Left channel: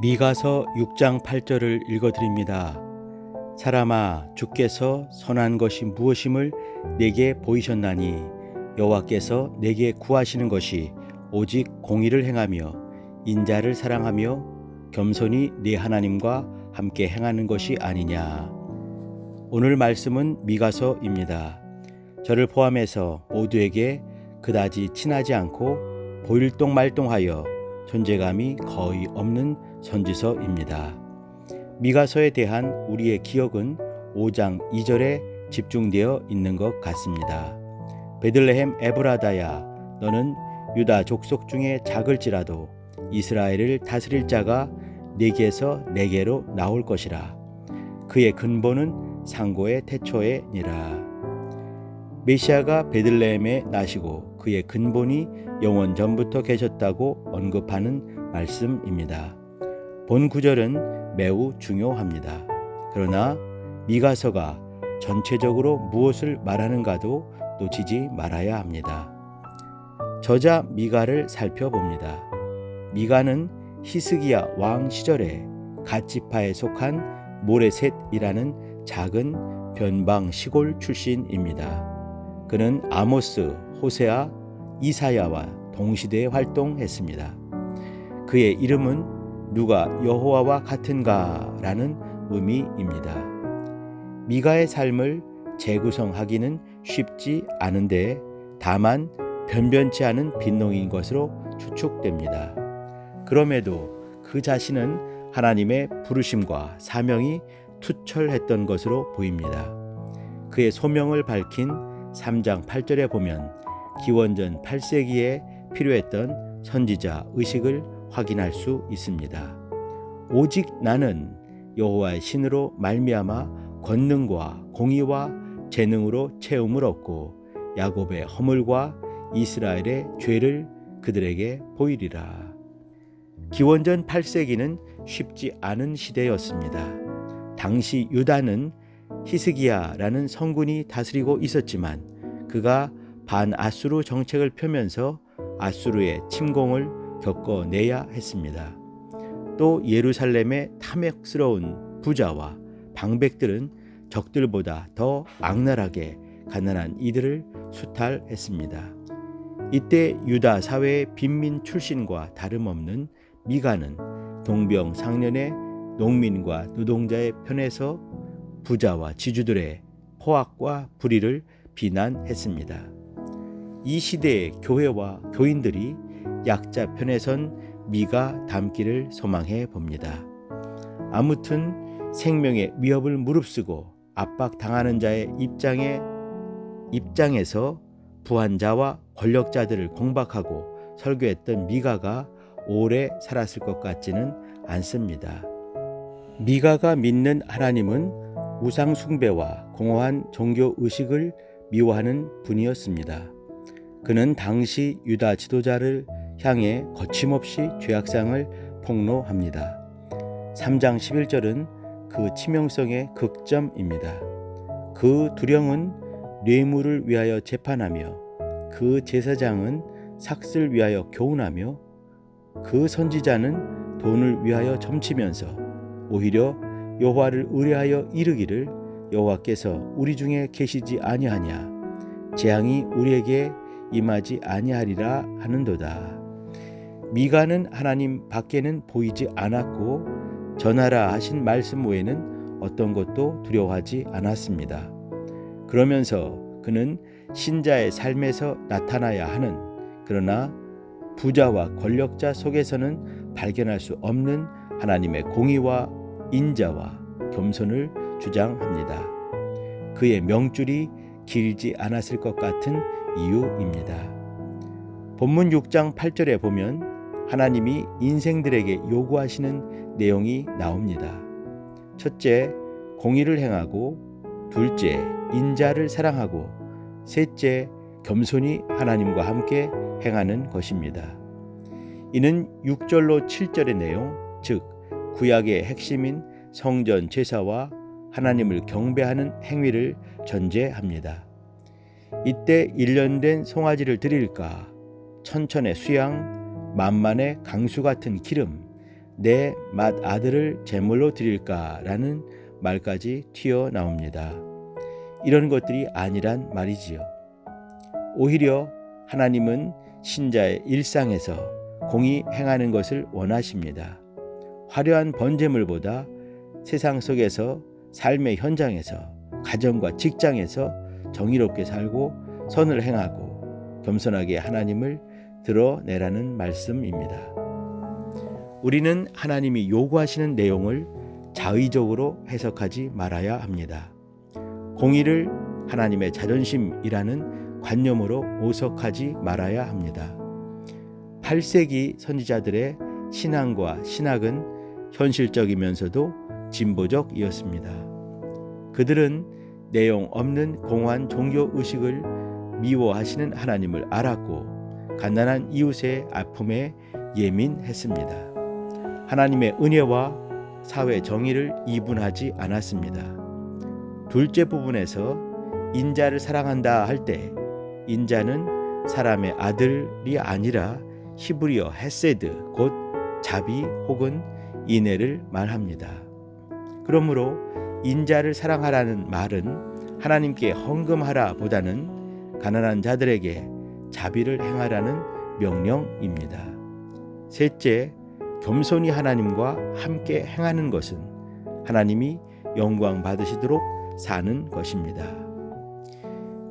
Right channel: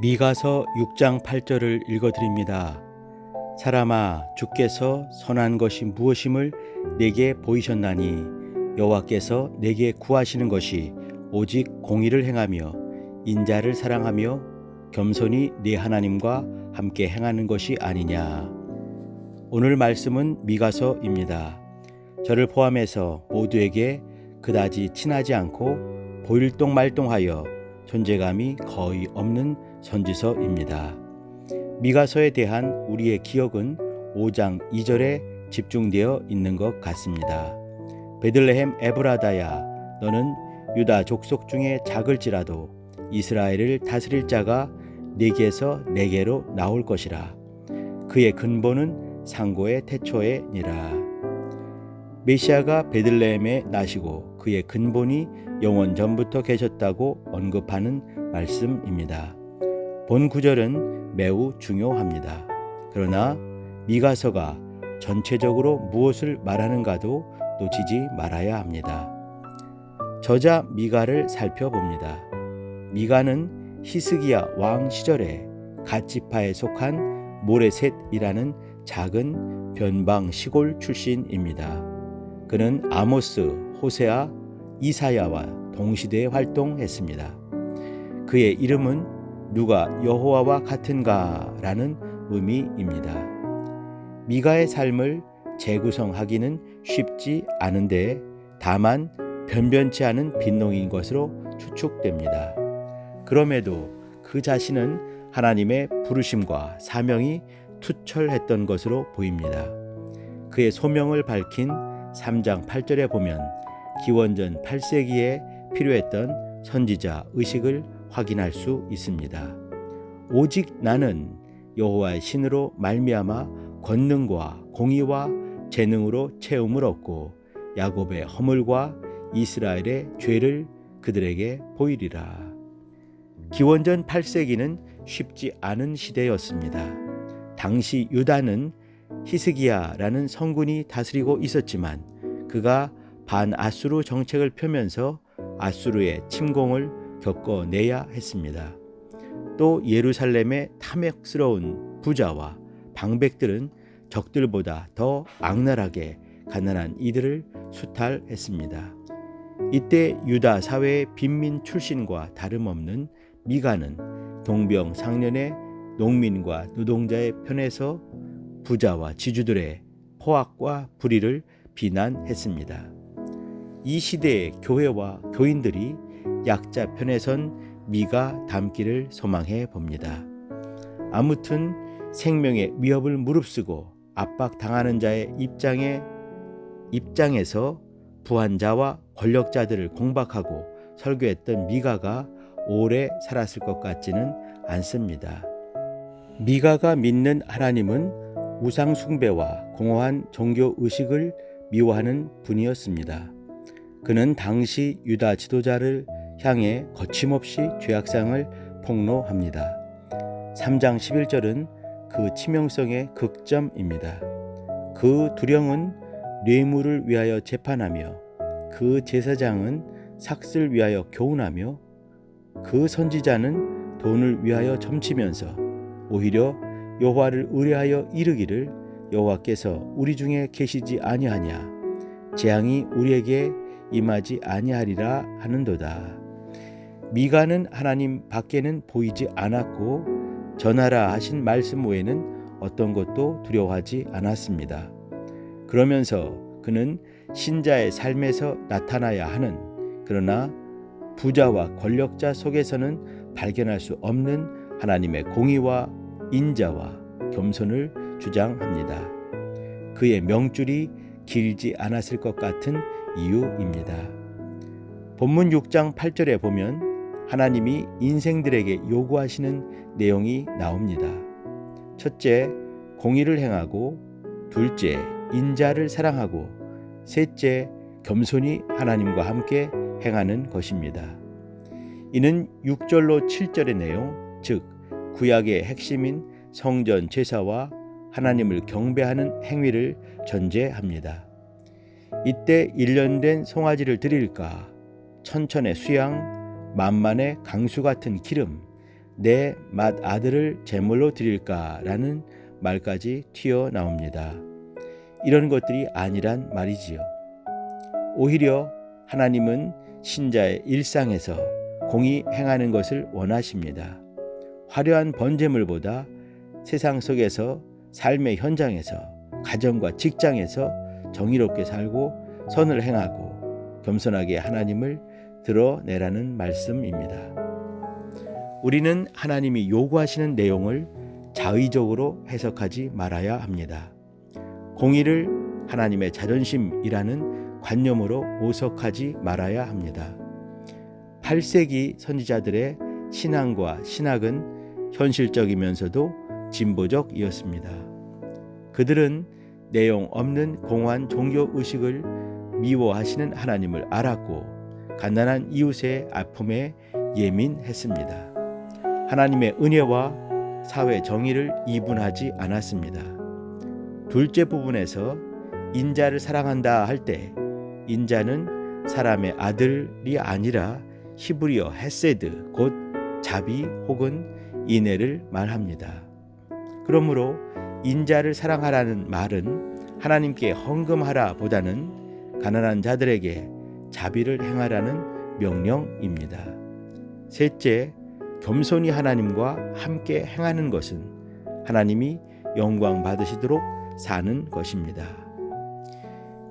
미가서 6장 8절을 읽어드립니다. 사람아, 주께서 선한 것이 무엇임을 내게 보이셨나니 여호와께서 내게 구하시는 것이 오직 공의를 행하며 인자를 사랑하며 겸손히 네 하나님과 함께 행하는 것이 아니냐. 오늘 말씀은 미가서입니다. 저를 포함해서 모두에게 그다지 친하지 않고 보일동말동하여 존재감이 거의 없는 선지서입니다. 미가서에 대한 우리의 기억은 5장 2절에 집중되어 있는 것 같습니다. 베들레헴 에브라다야, 너는 유다 족속 중에 작을지라도 이스라엘을 다스릴 자가 네게서 내게로 나올 것이라. 그의 근본은 상고의 태초에니라. 메시아가 베들레헴에 나시고 그의 근본이 영원 전부터 계셨다고 언급하는 말씀입니다. 본 구절은 매우 중요합니다. 그러나 미가서가 전체적으로 무엇을 말하는가도 놓치지 말아야 합니다. 저자 미가를 살펴봅니다. 미가는 히스기야 왕 시절에 갓지파에 속한 모레셋이라는 작은 변방 시골 출신입니다. 그는 아모스, 호세아, 이사야와 동시대에 활동했습니다. 그의 이름은 누가 여호와와 같은가라는 의미입니다. 미가의 삶을 재구성하기는 쉽지 않은데 다만 변변치 않은 빈농인 것으로 추측됩니다. 그럼에도 그 자신은 하나님의 부르심과 사명이 투철했던 것으로 보입니다. 그의 소명을 밝힌 3장 8절에 보면 기원전 8세기에 필요했던 선지자 의식을 확인할 수 있습니다. 오직 나는 여호와의 신으로 말미암아 권능과 공의와 재능으로 채움을 얻고 야곱의 허물과 이스라엘의 죄를 그들에게 보이리라. 기원전 8세기는 쉽지 않은 시대였습니다. 당시 유다는 히스기야라는 성군이 다스리고 있었지만 그가 반아수르 정책을 펴면서 아수르의 침공을 겪어내야 했습니다. 또 예루살렘의 탐욕스러운 부자와 방백들은 적들보다 더 악랄하게 가난한 이들을 수탈했습니다. 이때 유다 사회의 빈민 출신과 다름없는 미가는 동병상련의 농민과 노동자의 편에서 부자와 지주들의 포악과 불의를 비난했습니다. 이 시대의 교회와 교인들이 약자 편에 선 미가 닮기를 소망해 봅니다. 아무튼 생명의 위협을 무릅쓰고 압박당하는 자의 입장에서 부한자와 권력자들을 공박하고 설교했던 미가가 오래 살았을 것 같지는 않습니다. 미가가 믿는 하나님은 우상 숭배와 공허한 종교 의식을 미워하는 분이었습니다. 그는 당시 유다 지도자를 향해 거침없이 죄악상을 폭로합니다. 3장 11절은 그 치명성의 극점입니다. 그 두령은 뇌물을 위하여 재판하며 그 제사장은 삭슬 위하여 교훈하며 그 선지자는 돈을 위하여 점치면서 오히려 여호와를 의뢰하여 이르기를 여호와께서 우리 중에 계시지 아니하냐, 재앙이 우리에게 임하지 아니하리라 하는도다. 미가는 하나님 밖에는 보이지 않았고 전하라 하신 말씀 외에는 어떤 것도 두려워하지 않았습니다. 그러면서 그는 신자의 삶에서 나타나야 하는, 그러나 부자와 권력자 속에서는 발견할 수 없는 하나님의 공의와 인자와 겸손을 주장합니다. 그의 명줄이 길지 않았을 것 같은 이유입니다. 본문 6장 8절에 보면 하나님이 인생들에게 요구하시는 내용이 나옵니다. 첫째, 공의를 행하고, 둘째, 인자를 사랑하고, 셋째, 겸손히 하나님과 함께 행하는 것입니다. 이는 6절로 7절의 내용, 즉 구약의 핵심인 성전 제사와 하나님을 경배하는 행위를 전제합니다. 이때 일련된 송아지를 드릴까, 천천의 수양, 만만의 강수 같은 기름, 내 맏아들을 제물로 드릴까라는 말까지 튀어나옵니다. 이런 것들이 아니란 말이지요. 오히려 하나님은 신자의 일상에서 공의 행하는 것을 원하십니다. 화려한 번제물보다 세상 속에서 삶의 현장에서 가정과 직장에서 정의롭게 살고 선을 행하고 겸손하게 하나님을 드러내라는 말씀입니다. 우리는 하나님이 요구하시는 내용을 자의적으로 해석하지 말아야 합니다. 공의를 하나님의 자존심이라는 관념으로 오석하지 말아야 합니다. 8세기 선지자들의 신앙과 신학은 현실적이면서도 진보적이었습니다. 그들은 내용 없는 공허한 종교의식을 미워하시는 하나님을 알았고 가난한 이웃의 아픔에 예민했습니다. 하나님의 은혜와 사회 정의를 이분하지 않았습니다. 둘째 부분에서 인자를 사랑한다 할 때 인자는 사람의 아들이 아니라 히브리어 헤세드 곧 자비 혹은 인애를 말합니다. 그러므로 인자를 사랑하라는 말은 하나님께 헌금하라 보다는 가난한 자들에게 자비를 행하라는 명령입니다. 셋째, 겸손히 하나님과 함께 행하는 것은 하나님이 영광 받으시도록 사는 것입니다.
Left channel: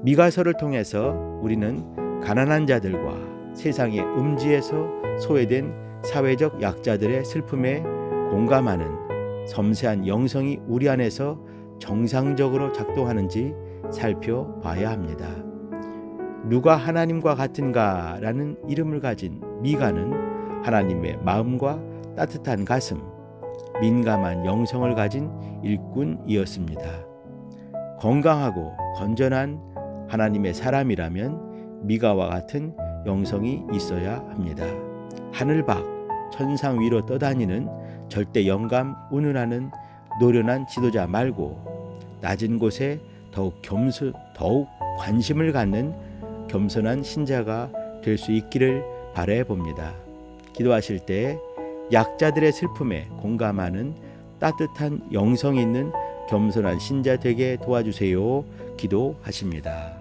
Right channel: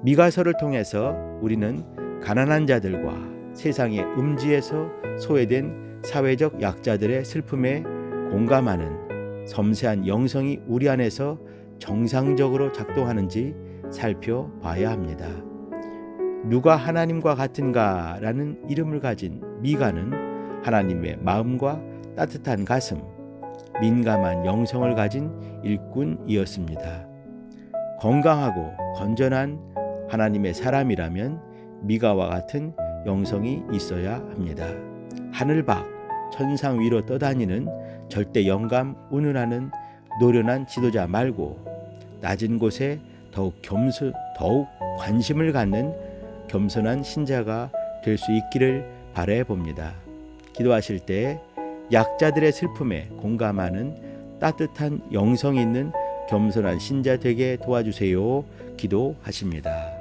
미가서를 통해서 우리는 가난한 자들과 세상의 음지에서 소외된 사회적 약자들의 슬픔에 공감하는 섬세한 영성이 우리 안에서 정상적으로 작동하는지 살펴봐야 합니다. 누가 하나님과 같은가라는 이름을 가진 미가는 하나님의 마음과 따뜻한 가슴, 민감한 영성을 가진 일꾼이었습니다. 건강하고 건전한 하나님의 사람이라면 미가와 같은 영성이 있어야 합니다. 하늘 밖 천상 위로 떠다니는 절대 영감 운운하는 노련한 지도자 말고 낮은 곳에 더욱 관심을 갖는 겸손한 신자가 될 수 있기를 바라해 봅니다. 기도하실 때 약자들의 슬픔에 공감하는 따뜻한 영성이 있는 겸손한 신자 되게 도와주세요. 기도하십니다.